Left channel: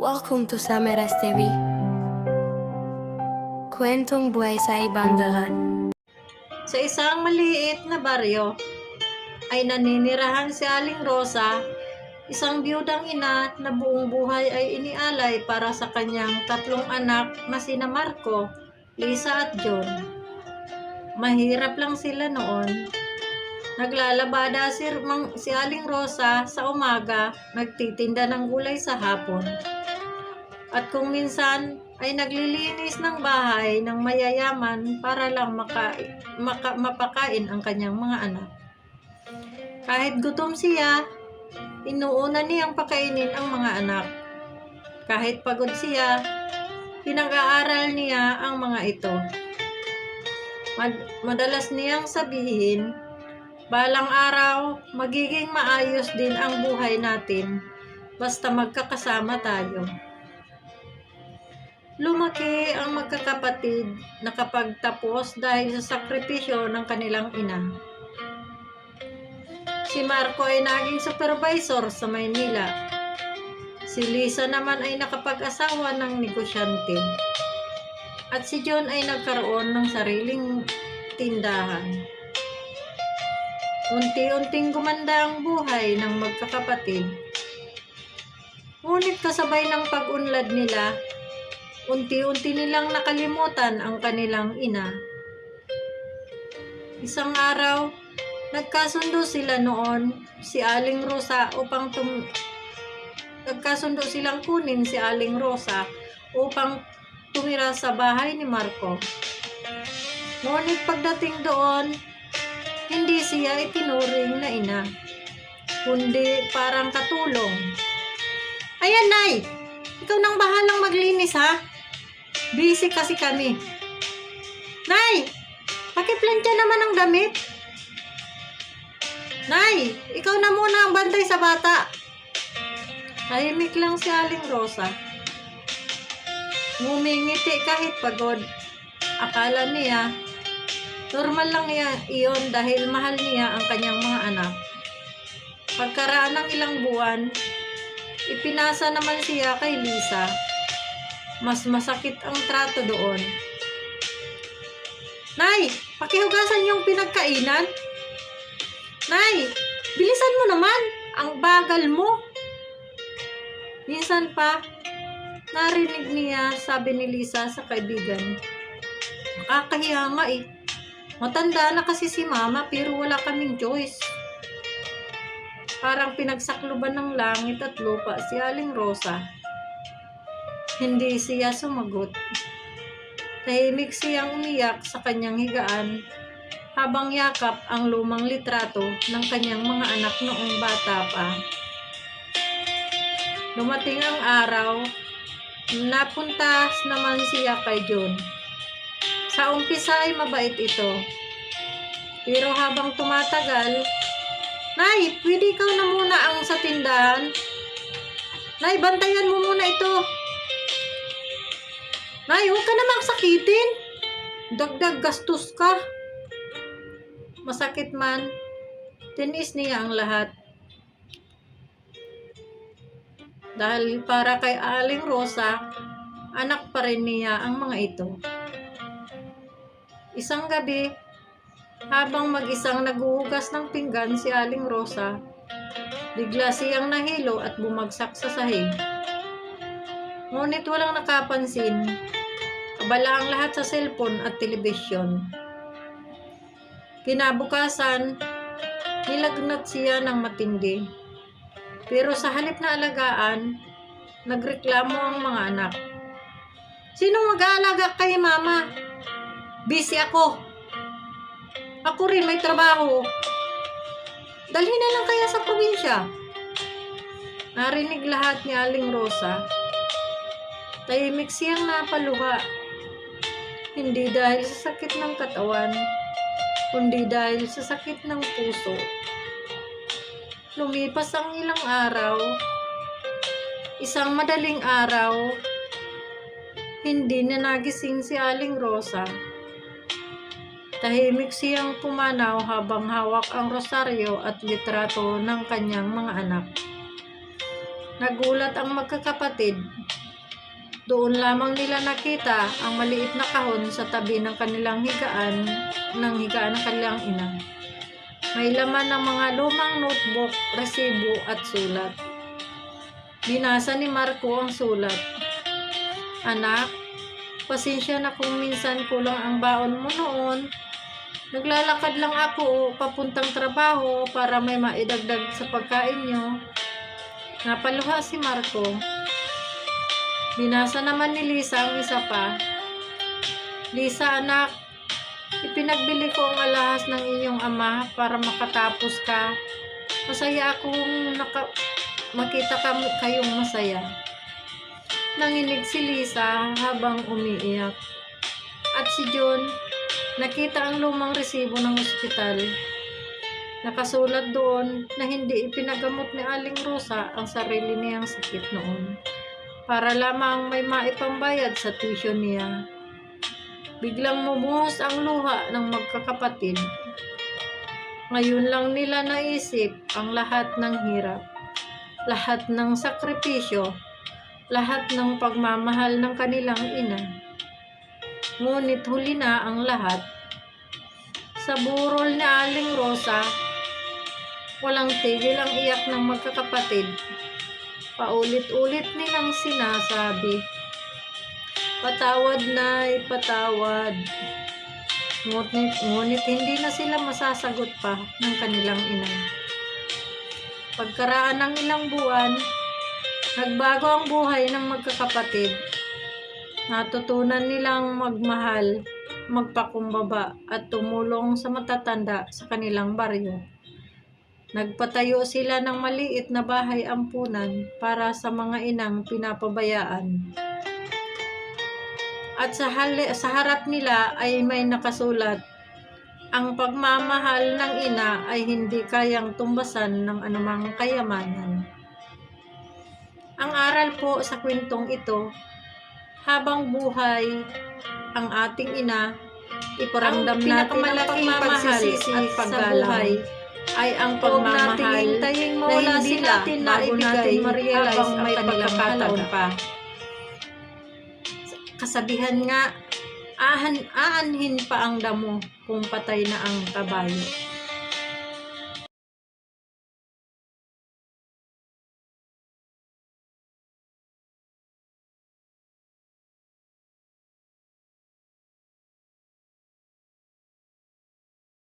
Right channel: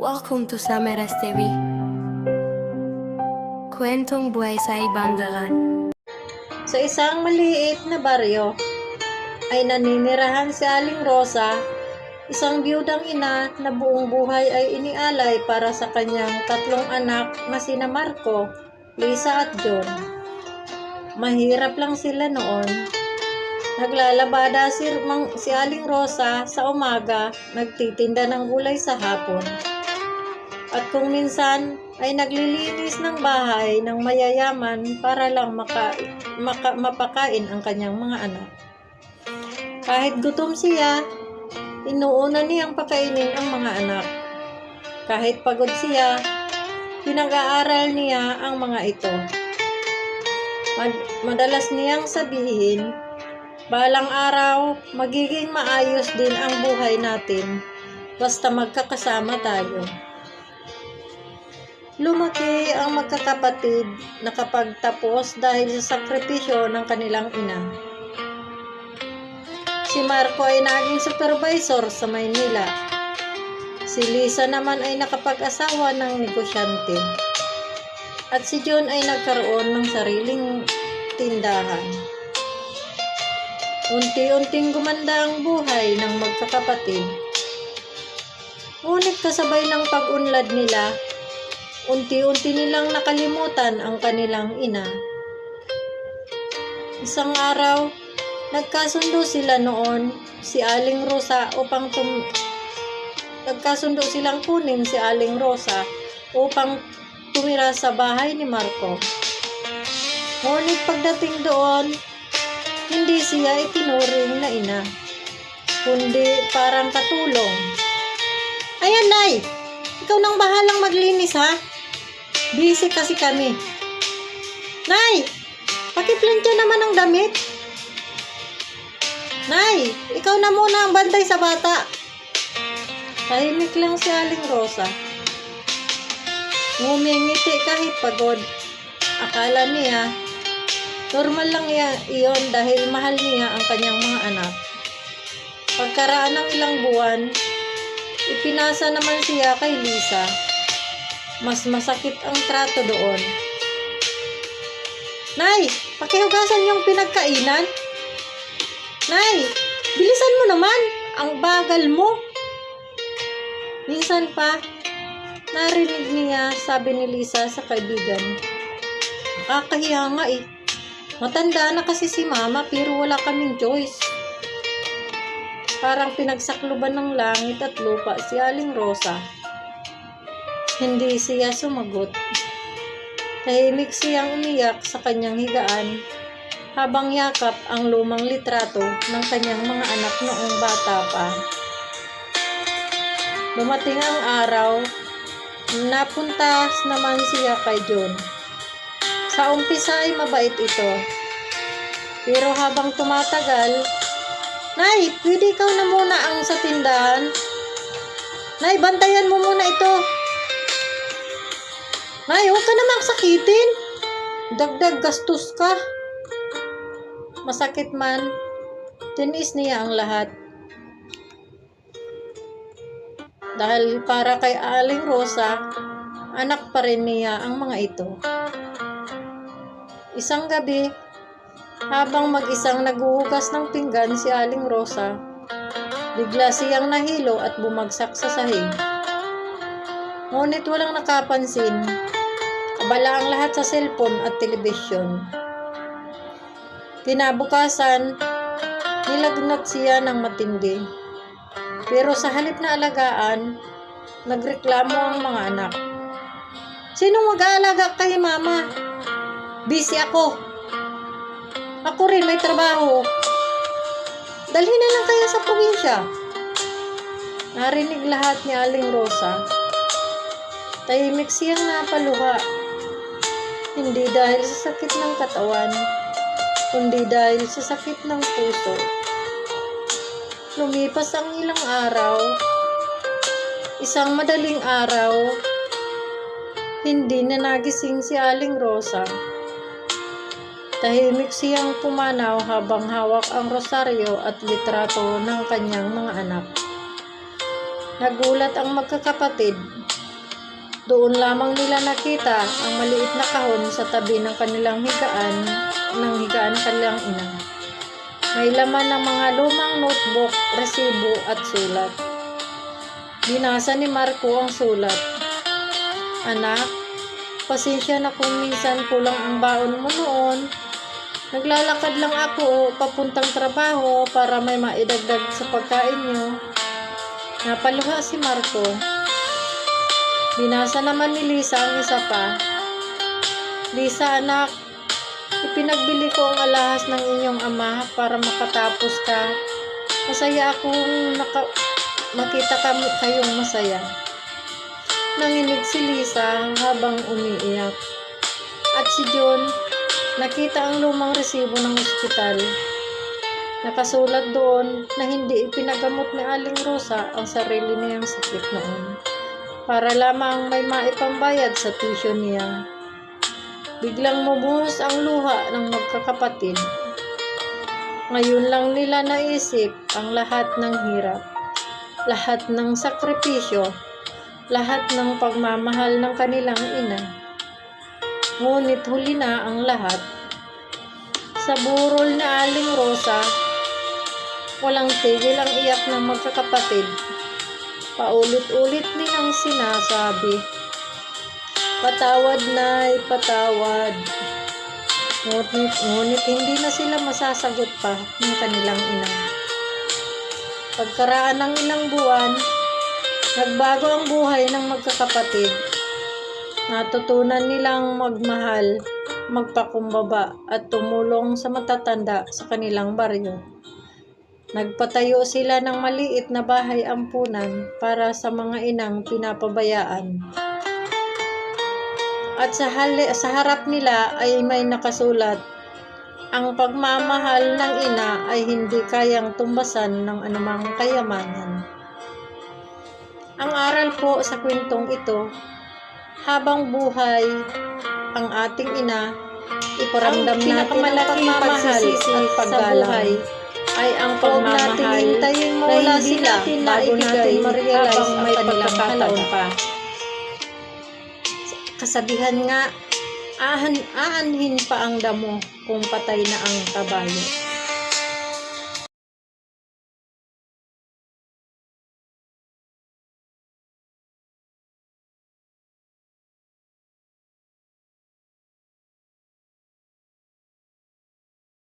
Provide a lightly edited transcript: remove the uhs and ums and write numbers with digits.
Welcome to Samaras TV. Kwentong buhay sa ibang daan. Sa isang maliit na baryo ay naninirahan si Aling Rosa, isang biyudang ina na buong buhay ay inialay para sa kanyang tatlong anak na sina Marco, Lisa at John. Mahirap lang sila noon. Naglalabada si Aling Rosa sa umaga, nagtitinda ng gulay sa hapon. At kung minsan ay naglilinis ng bahay ng mayayaman para lang mapakain ang kanyang mga anak. Kahit gutom siya, inuuna niyang pakainin ang mga anak. Kahit pagod siya, pinag-aaral niya ang mga ito. Madalas niyang sabihin, balang araw, magiging maayos din ang buhay natin basta magkakasama tayo. Lumaki ang magkakapatid na kapagtapos dahil sa sakripisyo ng kanilang ina. Si Marco ay naging supervisor sa Maynila. Si Lisa naman ay nakapag-asawa ng negosyante. At si John ay nagkaroon ng sariling tindahan. Unti-unting gumanda ang buhay ng magkakapatid. Ngunit kasabay ng pag-unlad nila, unti-unti nilang nakalimutan ang kanilang ina. Isang araw, nagkasundo sila noon si Aling Rosa nagkasundo silang kunin si Aling Rosa upang tumira sa bahay ni Marco. Ngunit pagdating doon, hindi siya itinuring na ina, kundi parang katulong. Ayan, Nay! Ikaw nang bahalang maglinis, ha? Busy kasi kami. Nay! Pakiplantya naman ang damit. Nay! Ikaw na muna ang bantay sa bata. Tahimik lang si Aling Rosa. Ngumingiti kahit pagod. Akala niya, normal lang iyon dahil mahal niya ang kanyang mga anak. Pagkaraan ng ilang buwan, ipinasa naman siya kay Lisa. Mas masakit ang trato doon. Nay, pakihugasan yung pinagkainan. Nay, bilisan mo naman. Ang bagal mo. Minsan pa, narinig niya sabi ni Lisa sa kaibigan. Nakakahiya nga eh. Matanda na kasi si Mama pero wala kaming choice. Parang pinagsakluban ng langit at lupa si Aling Rosa. Hindi siya sumagot. Tahimik siyang umiyak sa kanyang higaan habang yakap ang lumang litrato ng kanyang mga anak noong bata pa. Dumating ang araw, napunta naman siya kay John. Sa umpisa ay mabait ito. Pero habang tumatagal, Nay, pwede ikaw na muna ang sa tindahan. Nay, bantayan mo muna ito. Nay, huwag ka namang sakitin. Dagdag gastos ka. Masakit man, tinis niya ang lahat. Dahil para kay Aling Rosa, anak pa rin niya ang mga ito. Isang gabi, habang mag-isang naghuhugas ng pinggan si Aling Rosa, bigla siyang nahilo at bumagsak sa sahig. Ngunit walang nakapansin. Abala ang lahat sa cellphone at telebisyon. Kinabukasan, nilagnat siya ng matindi. Pero sa halip na alagaan, nagreklamo ang mga anak. Sinong mag-aalaga kay Mama? Busy ako. Ako rin may trabaho. Dalhin na lang kaya sa probinsya. Narinig lahat ni Aling Rosa. Tahimik siyang napaluha. Hindi dahil sa sakit ng katawan, kundi dahil sa sakit ng puso. Lumipas ang ilang araw. Isang madaling araw, hindi na nagising si Aling Rosa. Tahimik siyang pumanaw habang hawak ang rosaryo at litrato ng kanyang mga anak. Nagulat ang magkakapatid. Doon lamang nila nakita ang maliit na kahon sa tabi ng kanilang higaan ng kanilang ina. May laman ng mga lumang notebook, resibo at sulat. Binasa ni Marco ang sulat. "Anak, pasensya na kung minsan kulang ang baon mo noon. Naglalakad lang ako papuntang trabaho para may maidagdag sa pagkain nyo." Napaluha si Marco. Binasa naman ni Lisa ang isa pa. "Lisa, anak, ipinagbili ko ang alahas ng inyong ama para makatapos ka. Masaya akong makita kayong masaya." Nanginig si Lisa habang umiiyak. At si John, nakita ang lumang resibo ng ospital. Nakasulat doon na hindi ipinagamot ni Aling Rosa ang sarili niyang sakit noon, para lamang may maipambayad sa tuition niya. Biglang bumuhos ang luha ng magkakapatid. Ngayon lang nila naisip ang lahat ng hirap, lahat ng sakripisyo, lahat ng pagmamahal ng kanilang ina. Ngunit huli na ang lahat. Sa burol ni Aling Rosa, walang tigil ang iyak ng magkakapatid. Paulit-ulit nilang sinasabi, "Patawad, Nay, patawad." Ngunit hindi na sila masasagot pa ng kanilang ina. Pagkaraan ng ilang buwan, nagbago ang buhay ng magkakapatid. Natutunan nilang magmahal, magpakumbaba at tumulong sa matatanda sa kanilang baryo. Nagpatayo sila ng maliit na bahay ampunan para sa mga inang pinapabayaan. At sa harap nila ay may nakasulat, "Ang pagmamahal ng ina ay hindi kayang tumbasan ng anumang kayamanan." Ang aral po sa kwentong ito, habang buhay ang ating ina, iparamdam natin ang pagmamahal at paggalang ay ang pagmamahal na hindi natin naibigay habang may pagkakataon pa. Kasabihan nga, aanhin pa ang damo kung patay na ang kabayo.